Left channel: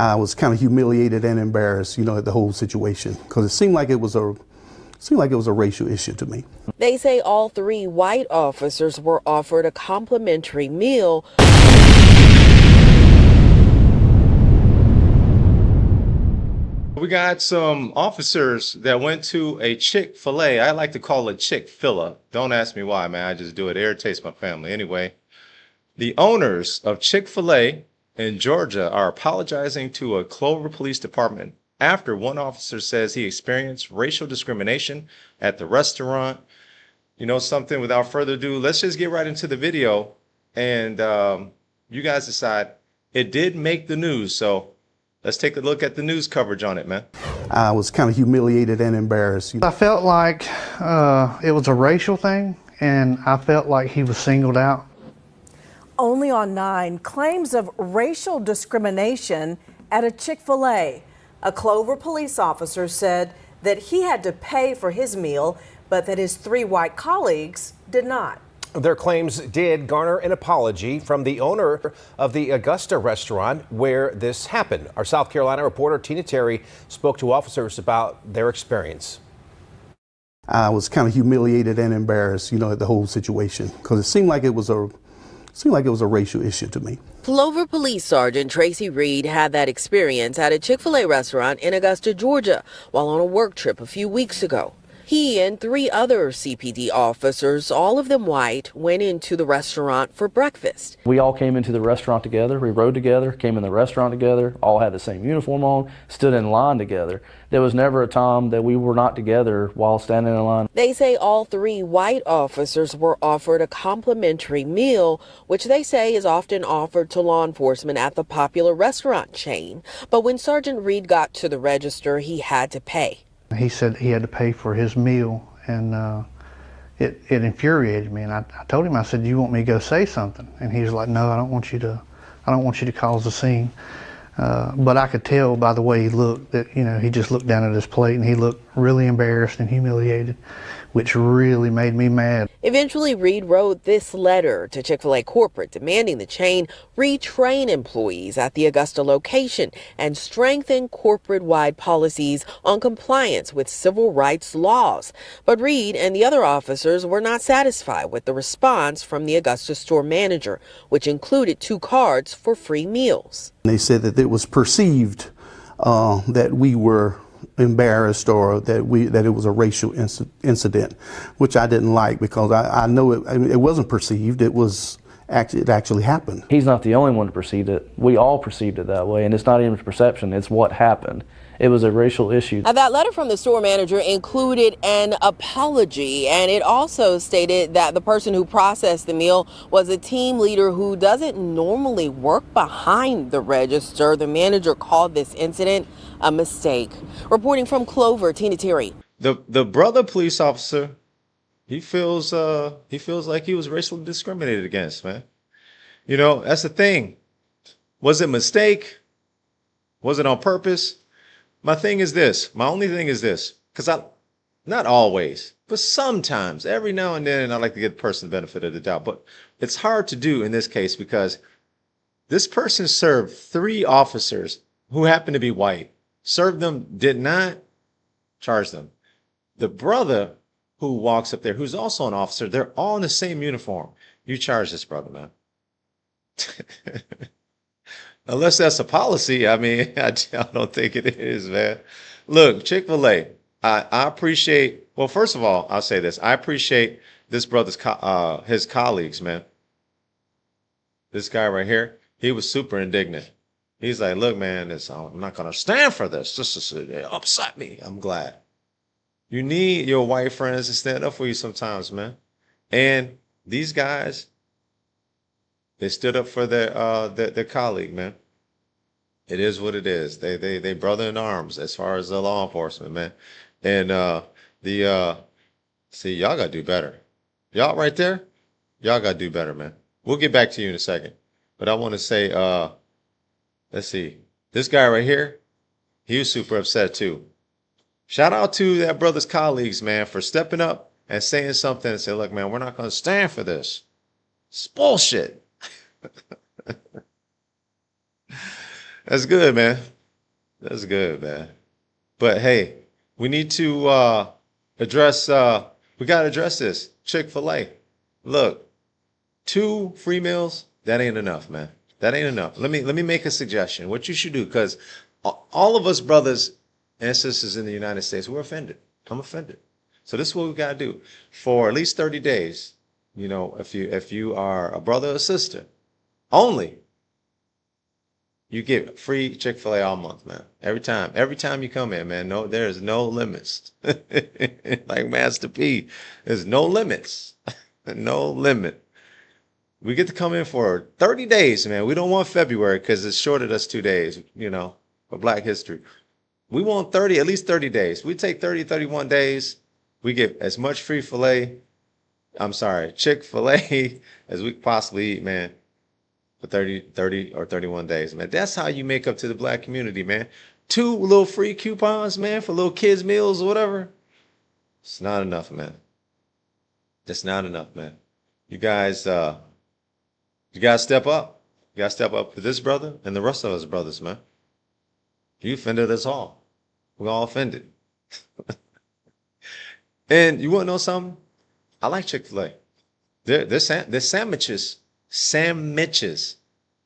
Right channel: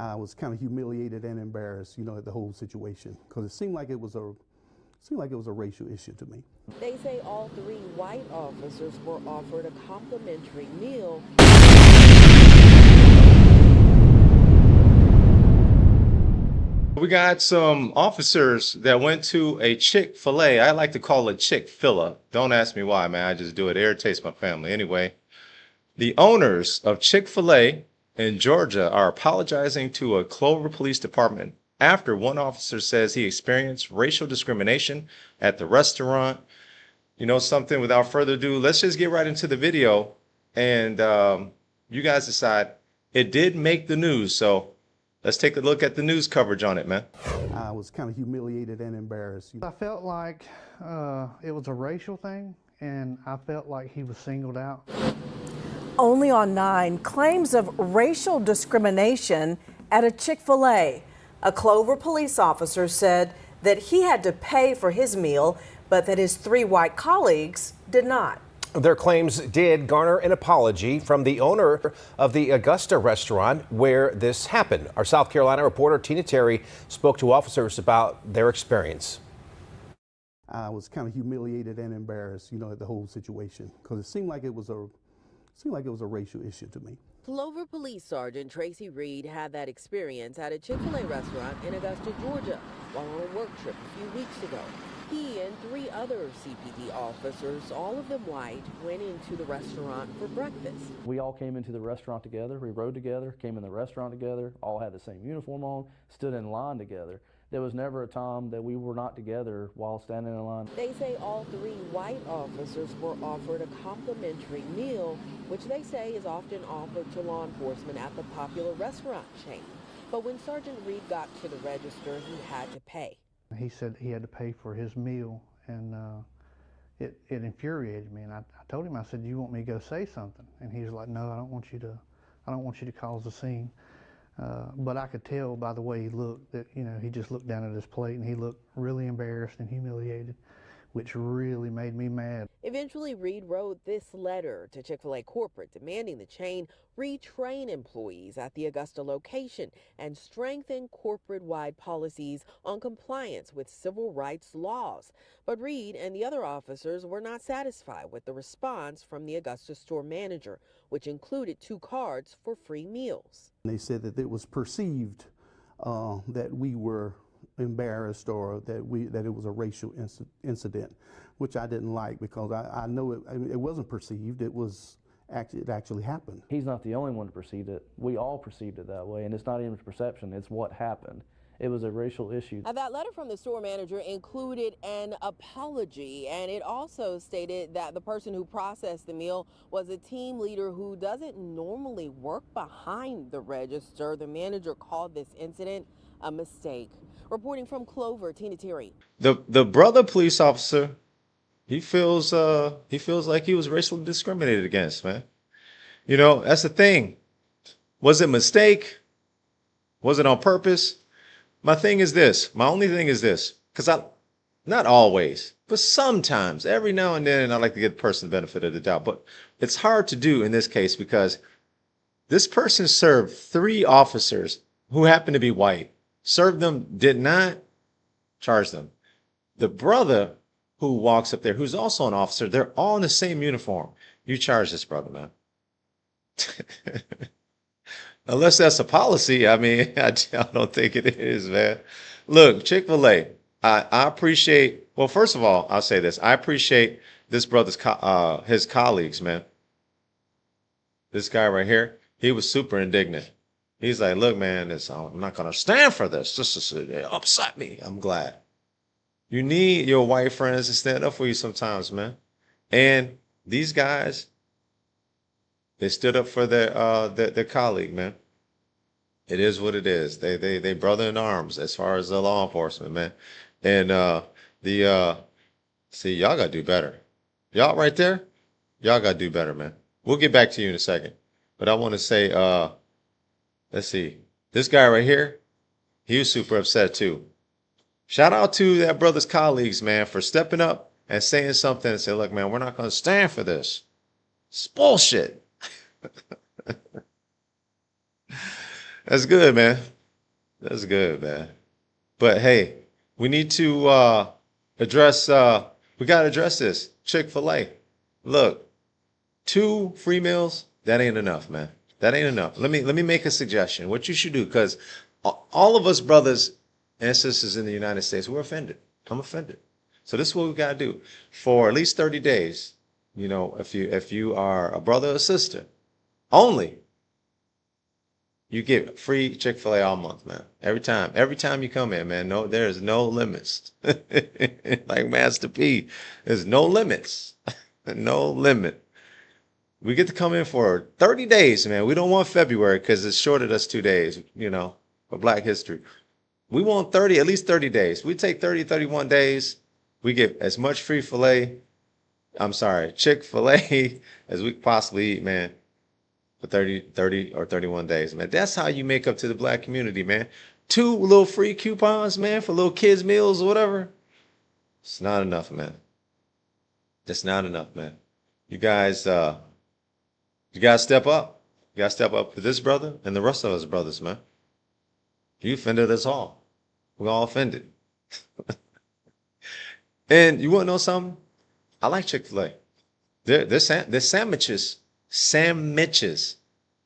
I was kind of humiliated and embarrassed, at the whole situation, because it seemed like it was a racial issue to me. They say all three white officers were offered a complimentary meal. We got some officers that went to a Chick-fil-A. I like to call it Chick-fil-A. Don't ask me why, man. I just do it. It irritates my family. Anyway, the owners of Chick-fil-A in Georgia are apologizing to a Clover Police Department after one officer says he experienced racial discrimination at the restaurant. You know something, without further ado, let's just get right into the video and you guys decide. It did make the news, so let's take a look at the news coverage on it, man. I was kind of humiliated and embarrassed. I felt like it was a racial thing, and I felt like he was singled out. Only on 9, claims of racial discrimination at a Chick-fil-A. A Clover police officer said that he had to pay for his meal, but that his 3 white colleagues did not. Their claims did garner an apology from the owner of the Augusta restaurant where this happened. Our South Carolina reporter Tina Terry spoke to officers about their experience. I was kind of humiliated and embarrassed, at the whole situation, because it seemed like it was a racial issue to me. Clover Police Sergeant Tracy Reed had that experience at a Chick-fil-A restaurant in Augusta, Georgia, while on a work trip a few weeks ago. He and 3 other CPD officers, all of them white, went into the restaurant for breakfast. We all came into the restaurant together. We rode together, came in the restaurant together, all had the same uniform on, stood in line together. There was never a time that we were not together while standing in line. They say all 3 white officers were offered a complimentary meal, which they say is often offered to law enforcement at the popular restaurant chain. But when Sergeant Reed got to the register, he had to pay. He said he had to pay for his meal, and it infuriated me. And I told him, I said, "You want me to go say something?" And he was like, "No, I don't want you to cause a scene." But I could tell by the way he looked that, he just looked down at his plate and he looked really embarrassed and humiliated, which really made me mad. Eventually, Reed wrote this letter to Chick-fil-A corporate demanding the chain retrain employees at the Augusta location and strengthen corporate-wide policies on compliance with civil rights laws. But Reed and the other officers were not satisfied with the response from the Augusta store manager, which included 2 cards for free meals. They said that it was perceived that we were embarrassed or that it was a racial incident, which I didn't like, because I know it wasn't perceived. It actually happened. He's not the only one to perceive it. We all perceived it that way, and it's not even perception, it's what happened. It was a racial issue. Now, that letter from the store manager included an apology, and it also stated that the person who processed the meal was a team leader who doesn't normally work behind the register. The manager called this incident a mistake. Reporting from Clover, Tina Terry. The brother police officer, he feels like he was racially discriminated against, man. That's the thing. Was it a mistake? Was it on purpose? My only thing is this, because not always, but sometimes, every now and then, I like to give the person the benefit of the doubt, but it's hard to do in this case because this person served 3 officers who happened to be white, served them, did not charge them. The brother who walks up there, who's also an officer, they're all in the same uniform. You charge this brother, man. Unless that's a policy, I mean, I don't think it is, man. Look, Chick-fil-A, I appreciate, well, first of all, I'll say this. I appreciate this brother's, his colleagues, man. This guy right here, he was super indignant. He's like, look, man, I'm not going to stand for this. This upset me. I'm glad. You need your white friends to stand up for you sometimes, man. And these guys, they stood up for their colleague, man. It is what it is. They brother in arms as far as the law enforcement, man. And see, y'all gotta do better. Y'all right there, y'all gotta do better, man. We'll get back to you in a second. But I want to say, let's see, this guy right here, he was super upset too. Shout out to that brother's colleagues, man, for stepping up and saying something and say, look, man, we're not gonna stand for this. It's bullshit. That's good, man. That's good, man. But hey, we need to address we gotta address this. Chick-fil-A. Look, 2 free meals, that ain't enough, man. That ain't enough. Let me make a suggestion. What you should do, because all of us brothers and sisters in the United States, we're offended. I'm offended. So this is what we gotta do. For at least 30 days, if you are a brother or sister, only you get free Chick-fil-A all month, man. Every time you come in, man. No, there's no limits. Like Master P, there's no limits. No limit. We get to come in for 30 days, man. We don't want February because it's shorted us 2 days, for Black History. We want at least 30 days. We take 30, 31 days. We get as much Chick-fil-A as we can possibly eat, man, for 30 or 31 days, man. That's how you make up to the Black community, man. 2 little free coupons, man, for little kids' meals or whatever. It's not enough, man. It's not enough, man. You guys step up. You gotta step up for this brother and the rest of us brothers, man. You offended us all. We're all offended. And you wanna know something? I like Chick-fil-A. Their sandwiches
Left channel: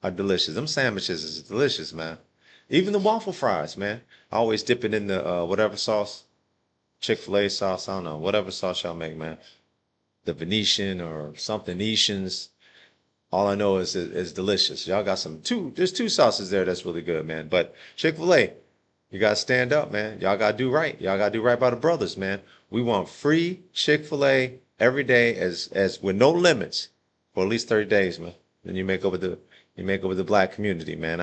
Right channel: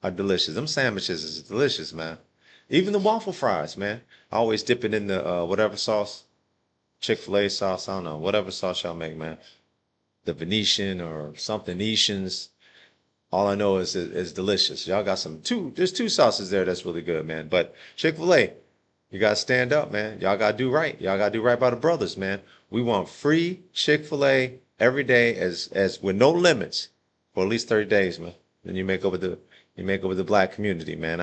are delicious. Them sandwiches is delicious, man. Even the waffle fries, man. I always dip it in the whatever sauce, Chick-fil-A sauce, I don't know, whatever sauce y'all make, man. The Venetian or something Netians. All I know is it's delicious. Y'all got there's 2 sauces there that's really good, man. But Chick-fil-A, you gotta stand up, man. Y'all gotta do right. Y'all gotta do right by the brothers, man. We want free Chick-fil-A every day as with no limits for at least 30 days, man. Then you make up with the Black community, man.